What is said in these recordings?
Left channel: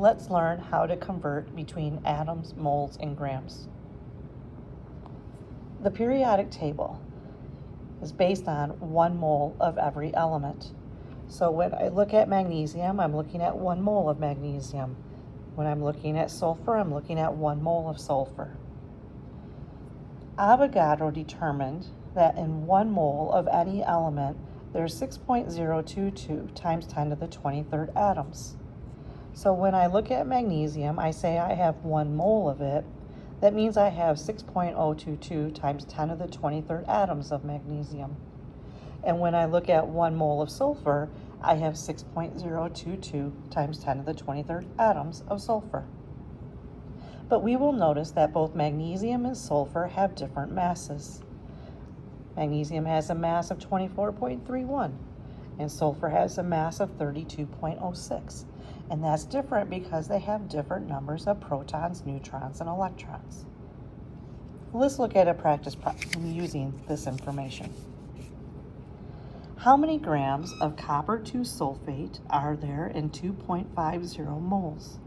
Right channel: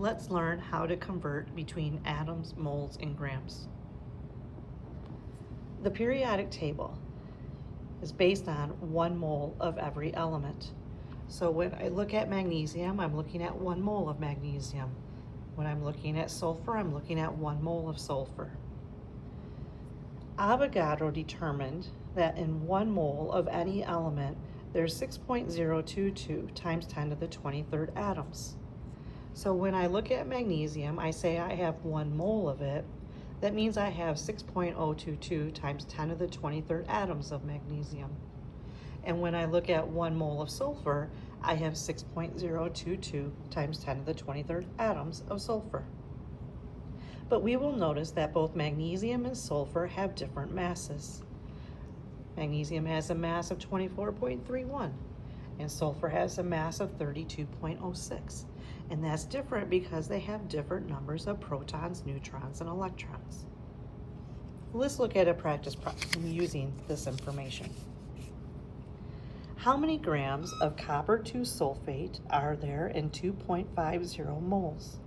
let's learn how to convert between atoms, moles, and grams. The periodic table is based on 1 mole of every element. So when I look at magnesium, I'm looking at 1 mole of magnesium. When I'm looking at sulfur, I'm looking at 1 mole of sulfur. Avogadro determined that in 1 mole of any element, there's 6.022 times 10 to the 23rd atoms. So when I look at magnesium, I say I have 1 mole of it. That means I have 6.022 times 10 to the 23rd atoms of magnesium. And when I look at 1 mole of sulfur, I have 6.022 times 10 to the 23rd atoms of sulfur. But we will notice that both magnesium and sulfur have different masses. Magnesium has a mass of 24.31, and sulfur has a mass of 32.06. And that's different because they have different numbers of protons, neutrons, and electrons. Let's look at a practice problem using this information. How many grams of copper 2 sulfate are there in 2.50 moles?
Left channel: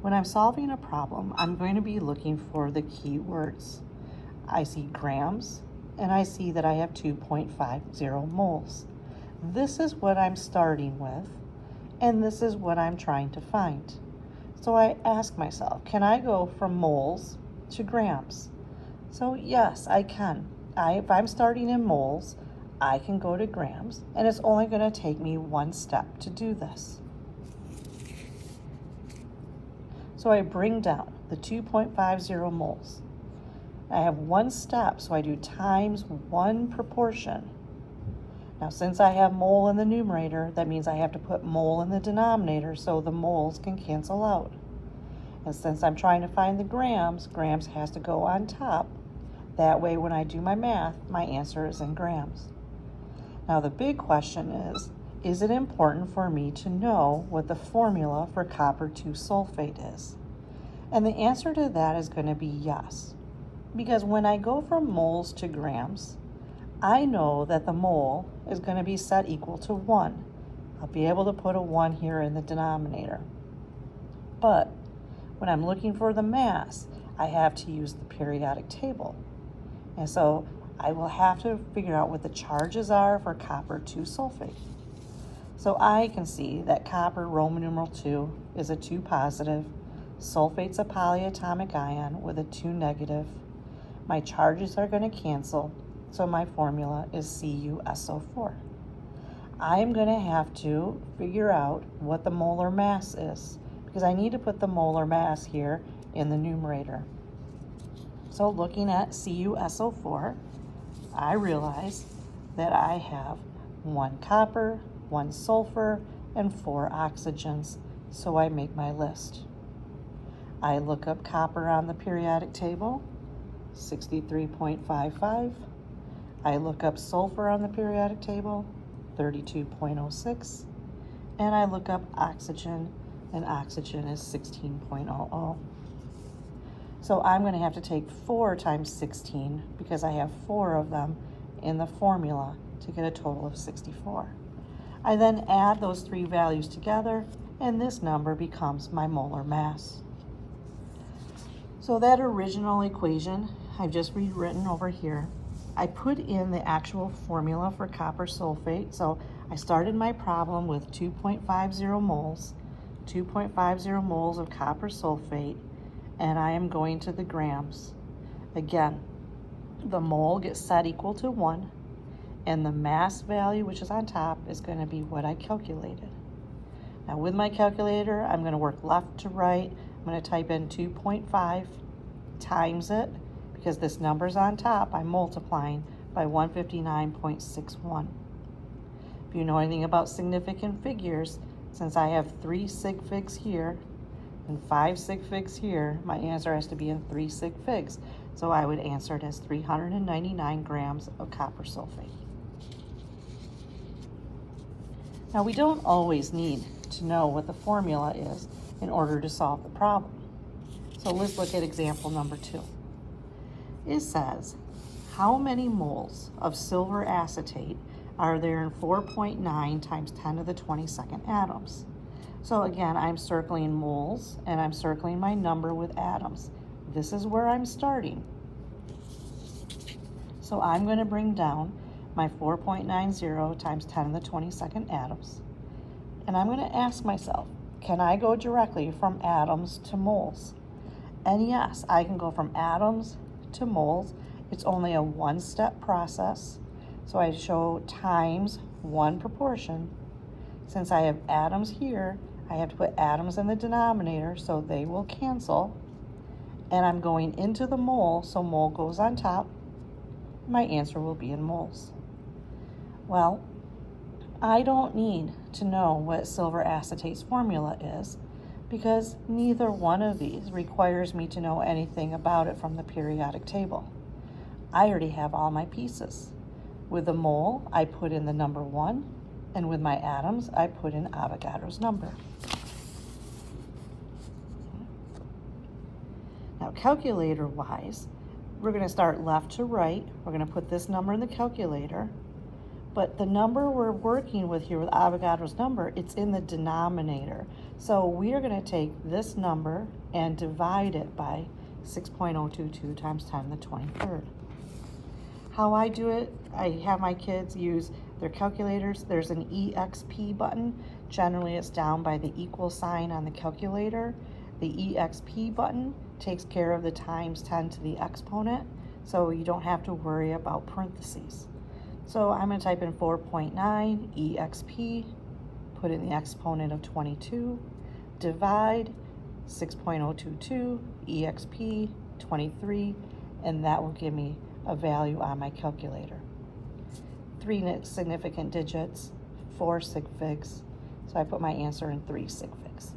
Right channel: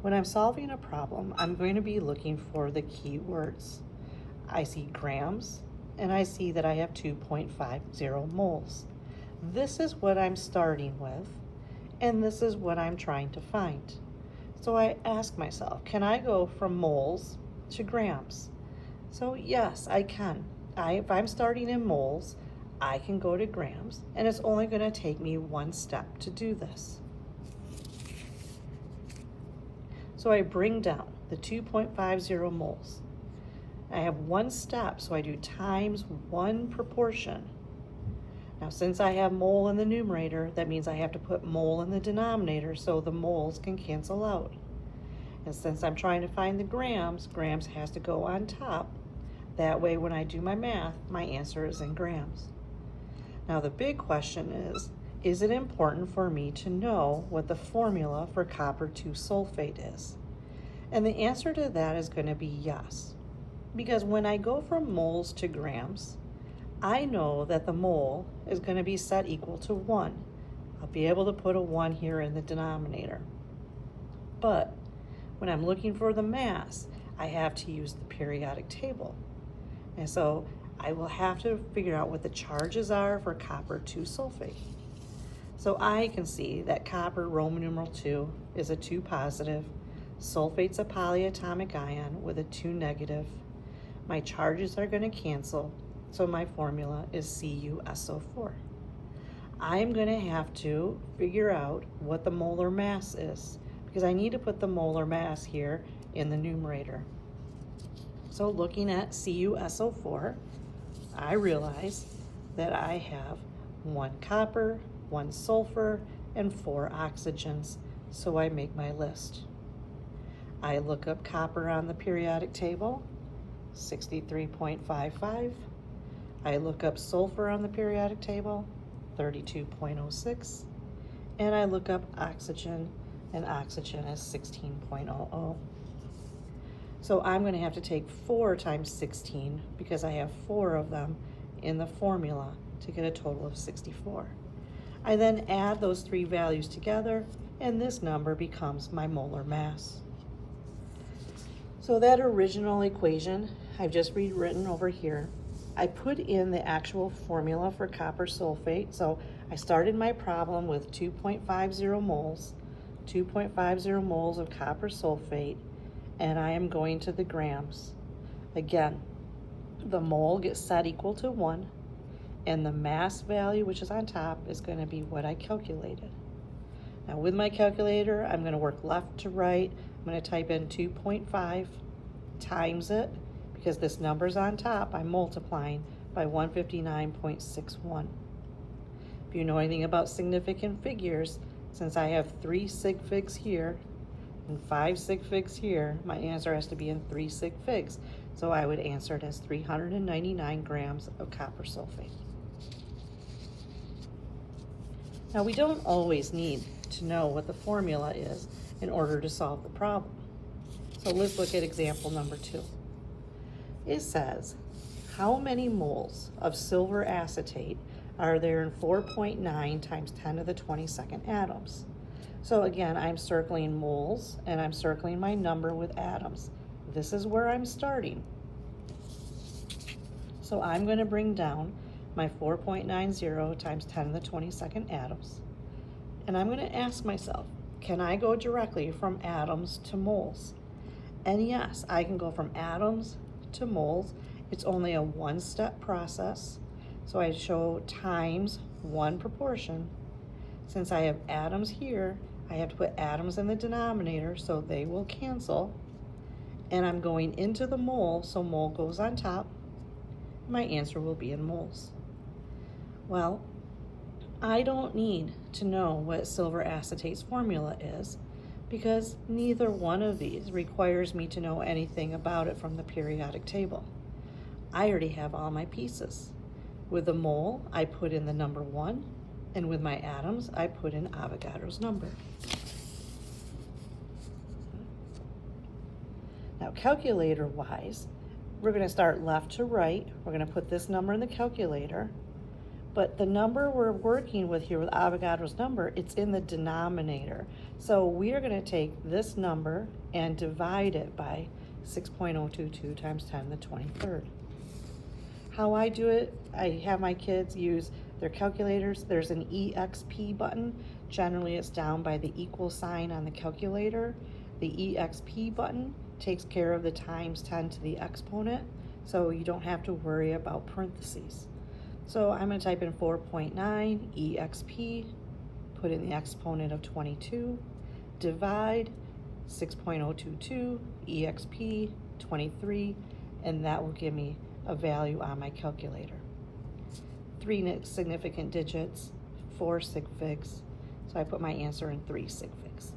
When I'm solving a problem, I'm going to be looking for the key words. I see grams, and I see that I have 2.50 moles. This is what I'm starting with, and this is what I'm trying to find. So I ask myself, can I go from moles to grams? So yes, I can. If I'm starting in moles, I can go to grams, and it's only going to take me 1 step to do this. So I bring down the 2.50 moles. I have 1 step, so I do times 1 proportion. Now, since I have mole in the numerator, that means I have to put mole in the denominator so the moles can cancel out. And since I'm trying to find the grams, grams has to go on top. That way, when I do my math, my answer is in grams. Now, the big question is it important for me to know what the formula for copper 2 sulfate is? And the answer to that is going to be yes. Because when I go from moles to grams, I know that the mole is going to be set equal to 1. I'll be able to put a 1 here in the denominator. But when I'm looking for the mass, I have to use the periodic table. And so I will have to figure out what the charges are for copper 2 sulfate. So I can see that copper, Roman numeral 2, is a 2 positive. Sulfate's a polyatomic ion with a 2 negative. My charges are going to cancel, so my formula is CuSO4. I'm going to have to figure out what the molar mass is, because I need to put the molar mass here in the numerator. So looking at CuSO4, I realize that I have 1 copper, 1 sulfur, and 4 oxygens, so I make my list. I look up copper on the periodic table, 63.55. I look up sulfur on the periodic table, 32.06. And I look up oxygen, and oxygen is 16.00. So I'm going to have to take 4 times 16 because I have 4 of them in the formula to get a total of 64. I then add those 3 values together, and this number becomes my molar mass. So that original equation I've just rewritten over here. I put in the actual formula for copper sulfate. So I started my problem with 2.50 moles, 2.50 moles of copper sulfate, and I am going to the grams. Again, the mole gets set equal to 1, and the mass value, which is on top, is going to be what I calculated. Now with my calculator, I'm going to work left to right. I'm going to type in 2.5 times it, because this number's on top, I'm multiplying by 159.61. If you know anything about significant figures, since I have 3 sig figs here and 5 sig figs here, my answer has to be in 3 sig figs. So I would answer it as 399 grams of copper sulfate. Now we don't always need to know what the formula is in order to solve the problem. So let's look at example number 2. It says, how many moles of silver acetate are there in 4.9 times 10 to the 22nd atoms? So again, I'm circling moles and I'm circling my number with atoms. This is where I'm starting. So I'm going to bring down my 4.90 times 10 to the 22nd atoms. And I'm going to ask myself, can I go directly from atoms to moles? And yes, I can go from atoms to moles. It's only a one-step process. So I show times one proportion. Since I have atoms here, I have to put atoms in the denominator so they will cancel. And I'm going into the mole, so mole goes on top. My answer will be in moles. Well, I don't need to know what silver acetate's formula is because neither one of these requires me to know anything about it from the periodic table. I already have all my pieces. With the mole, I put in the number 1, and with my atoms, I put in Avogadro's number. Now, calculator-wise, we're going to start left to right. We're going to put this number in the calculator, but the number we're working with here with Avogadro's number, it's in the denominator. So we are going to take this number and divide it by 6.022 times 10 to the 23rd. How I do it, I have my kids use their calculators. There's an EXP button. Generally, it's down by the equal sign on the calculator. The EXP button takes care of the times 10 to the exponent, so you don't have to worry about parentheses. So I'm going to type in 4.9 EXP, put in the exponent of 22, divide 6.022 EXP 23, and that will give me a value on my calculator. 3 significant digits, 4 sig figs, so I put my answer in 3 sig figs.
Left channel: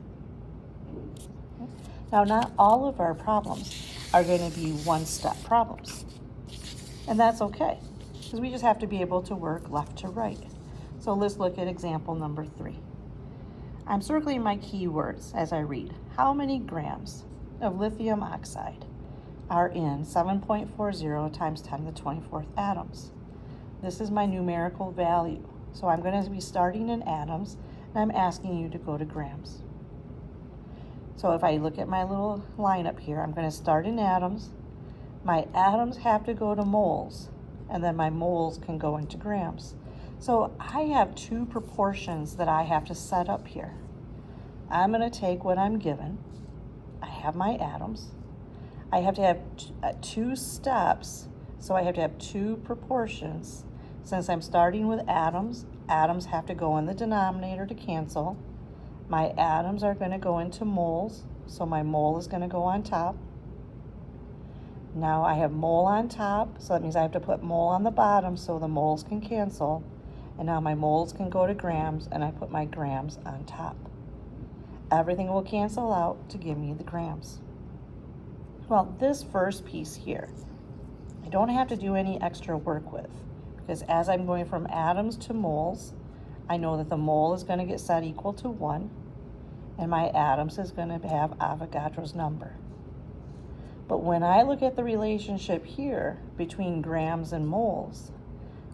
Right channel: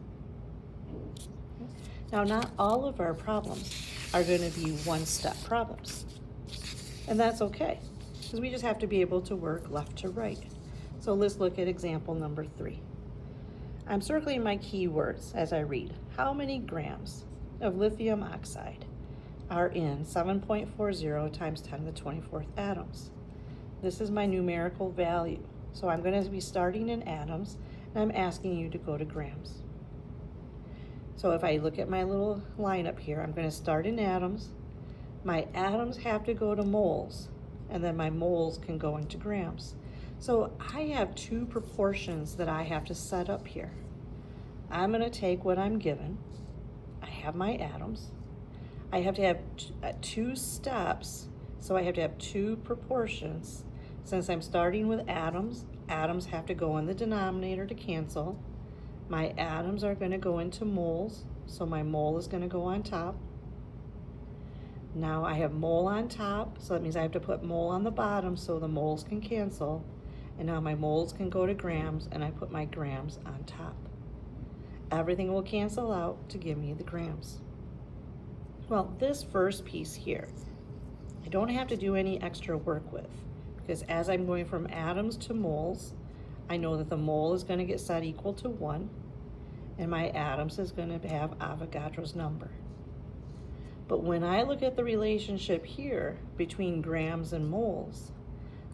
Now, not all of our problems are going to be one-step problems, and that's okay, because we just have to be able to work left to right. So let's look at example number 3. I'm circling my keywords as I read. How many grams of lithium oxide are in 7.40 times 10 to the 24th atoms? This is my numerical value. So I'm going to be starting in atoms, and I'm asking you to go to grams. So if I look at my little lineup here, I'm going to start in atoms. My atoms have to go to moles, and then my moles can go into grams. So I have 2 proportions that I have to set up here. I'm going to take what I'm given. I have my atoms. I have to have 2 steps, so I have to have 2 proportions. Since I'm starting with atoms, atoms have to go in the denominator to cancel. My atoms are going to go into moles, so my mole is going to go on top. Now I have mole on top, so that means I have to put mole on the bottom so the moles can cancel. And now my moles can go to grams, and I put my grams on top. Everything will cancel out to give me the grams. Well, this first piece here, I don't have to do any extra work with, because as I'm going from atoms to moles, I know that the mole is going to get set equal to 1, and my atoms is going to have Avogadro's number. But when I look at the relationship here between grams and moles,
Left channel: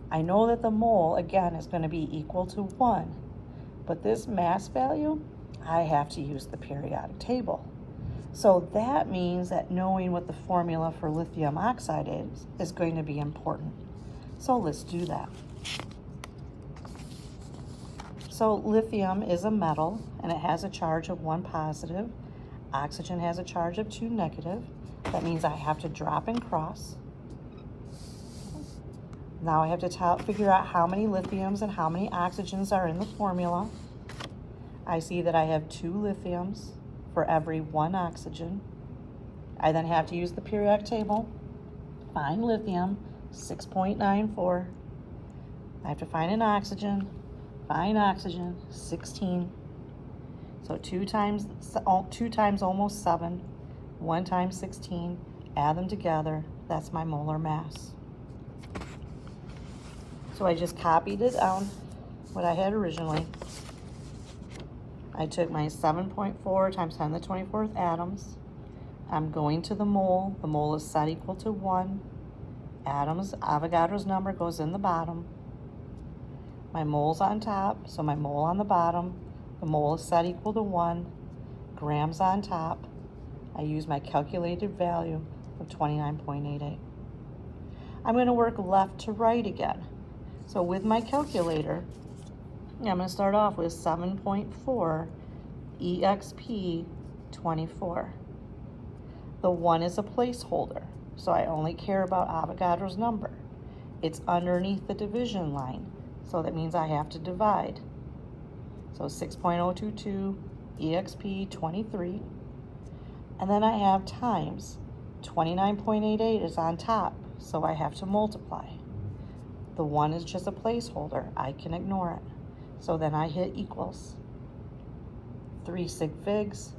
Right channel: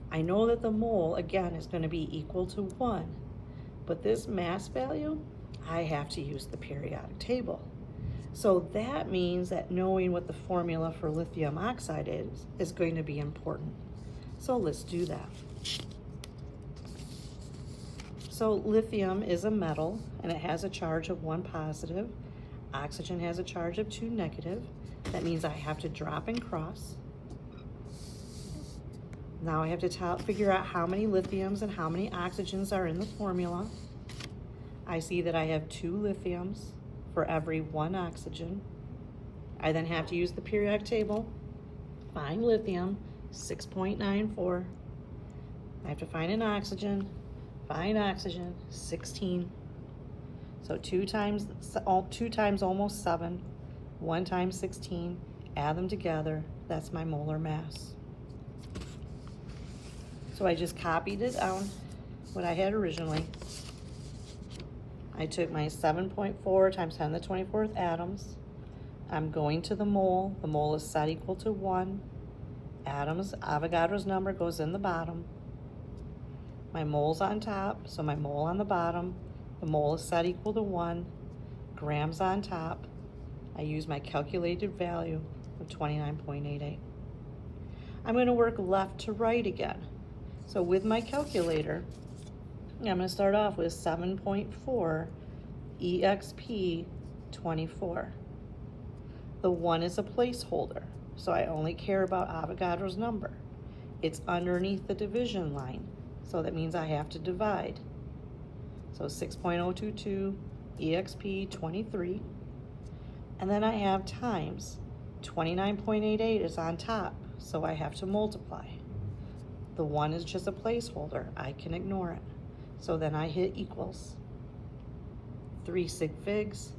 I know that the mole, again, is going to be equal to 1. But this mass value, I have to use the periodic table. So that means that knowing what the formula for lithium oxide is going to be important. So let's do that. So lithium is a metal, and it has a charge of 1 positive. Oxygen has a charge of 2 negative. That means I have to drop and cross. Now I have to figure out how many lithiums and how many oxygens are in the formula. I see that I have 2 lithiums for every 1 oxygen. I then have to use the periodic table, find lithium, 6.94. I have to find an oxygen, find oxygen, 16. So 2 times almost 7, 1 times 16, add them together, that's my molar mass. So I just copied it down, what I had originally. I took my 7.4 times 10 to the 24th atoms. I'm going to the mole. The mole is set equal to 1. Atoms, Avogadro's number goes in the bottom. My mole's on top, so my mole on the bottom. The mole is set equal to 1, grams on top. I use my calculated value of 29.88. I'm going to work left to right again. So with my calculator, I'm going to start off with 7.4 EXP 24. The 1 is a placeholder, so I only care about Avogadro's number. It's underneath the division line, so that means I have to divide. So 6.022 EXP 23. And then I have times. 29.88 is on top, so I have to multiply. The 1 is just a placeholder. I can ignore it. So then I hit equals. 3 sig figs,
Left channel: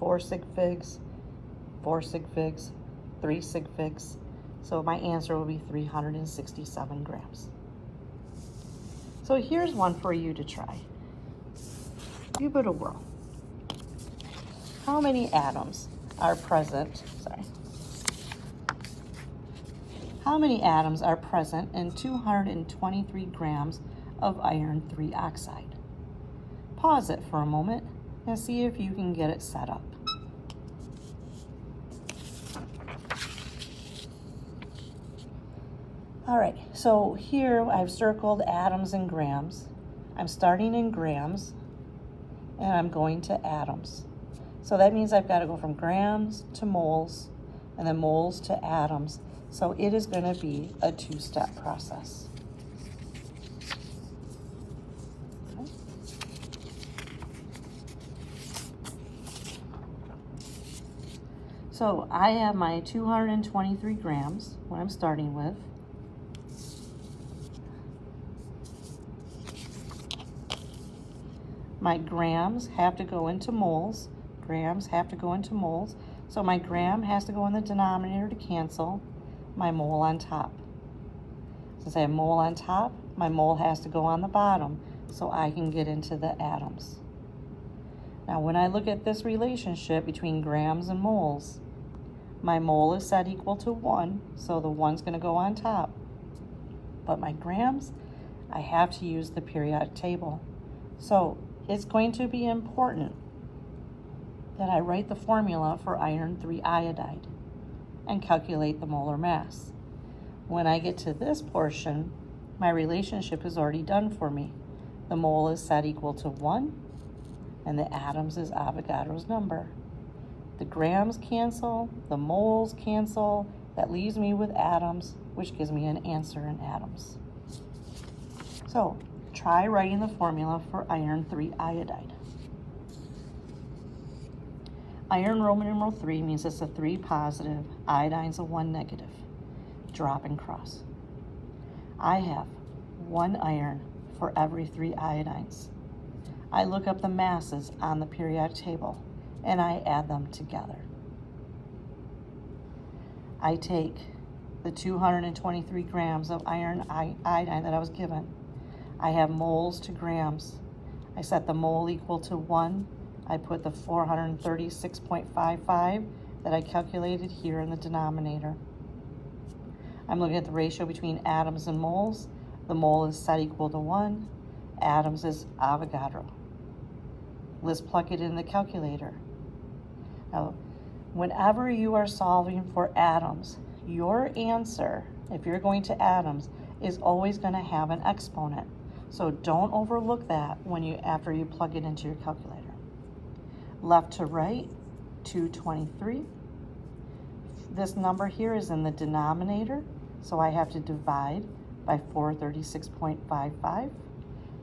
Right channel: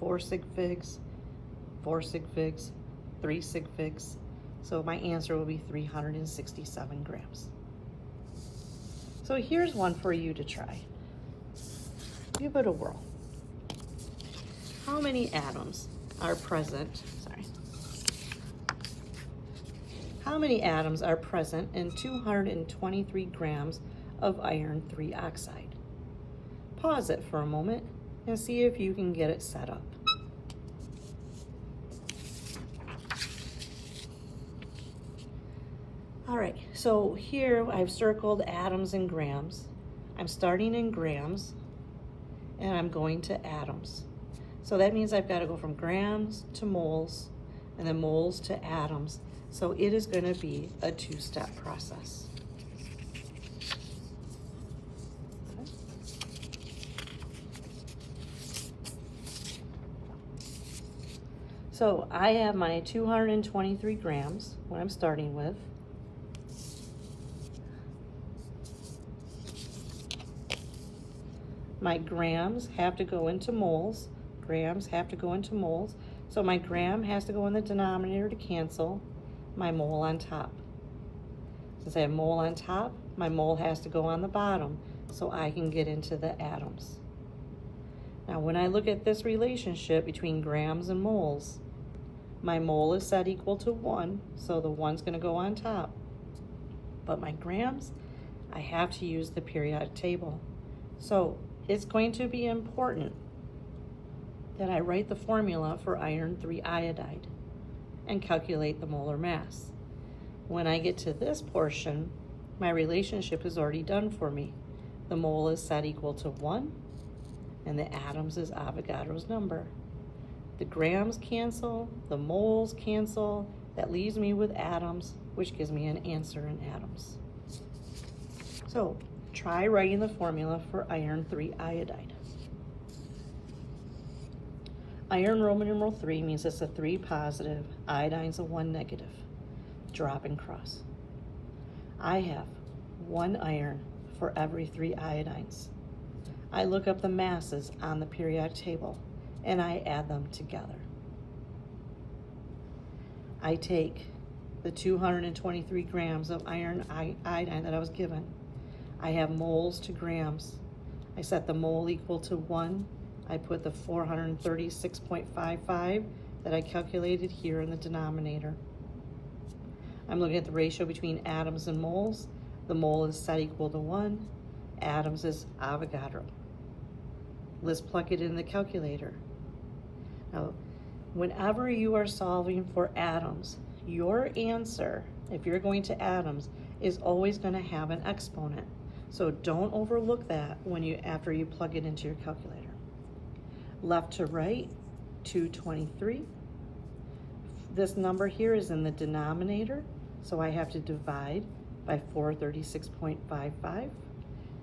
4 sig figs, 4 sig figs, 3 sig figs. So my answer will be 367 grams. So here's one for you to try. Give it a whirl. How many atoms are present? How many atoms are present in 223 grams of iron 3 oxide? Pause it for a moment and see if you can get it set up. All right, so here I've circled atoms and grams. I'm starting in grams and I'm going to atoms. So that means I've got to go from grams to moles and then moles to atoms. So it is going to be a 2-step process. So I have my 223 grams, what I'm starting with. My grams have to go into moles. Grams have to go into moles. So my gram has to go in the denominator to cancel my mole on top. Since I have mole on top, my mole has to go on the bottom so I can get into the atoms. Now when I look at this relationship between grams and moles, my mole is set equal to 1, so the 1's going to go on top. But my grams, I have to use the periodic table. So it's going to be important that I write the formula for iron 3 iodide and calculate the molar mass. When I get to this portion, my relationship is already done for me. The mole is set equal to 1, and the atoms is Avogadro's number. The grams cancel, the moles cancel, that leaves me with atoms, which gives me an answer in atoms. So try writing the formula for iron 3 iodide. Iron Roman numeral 3 means it's a 3 positive, iodine's a 1 negative. Drop and cross. I have 1 iron for every 3 iodines. I look up the masses on the periodic table and I add them together. I take the 223 grams of iron iodine that I was given. I have moles to grams. I set the mole equal to 1. I put the 436.55 that I calculated here in the denominator. I'm looking at the ratio between atoms and moles. The mole is set equal to 1. Atoms is Avogadro. Let's plug it in the calculator. Now, whenever you are solving for atoms, your answer, if you're going to atoms, is always going to have an exponent. So don't overlook that after you plug it into your calculator. Left to right, 223. This number here is in the denominator, so I have to divide by 436.55.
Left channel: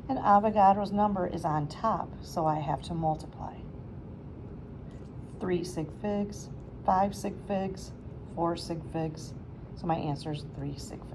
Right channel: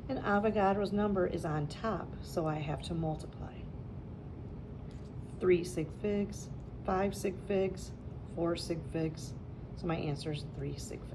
And Avogadro's number is on top, so I have to multiply. 3 sig figs, 5 sig figs, 4 sig figs, so my answer is 3 sig figs.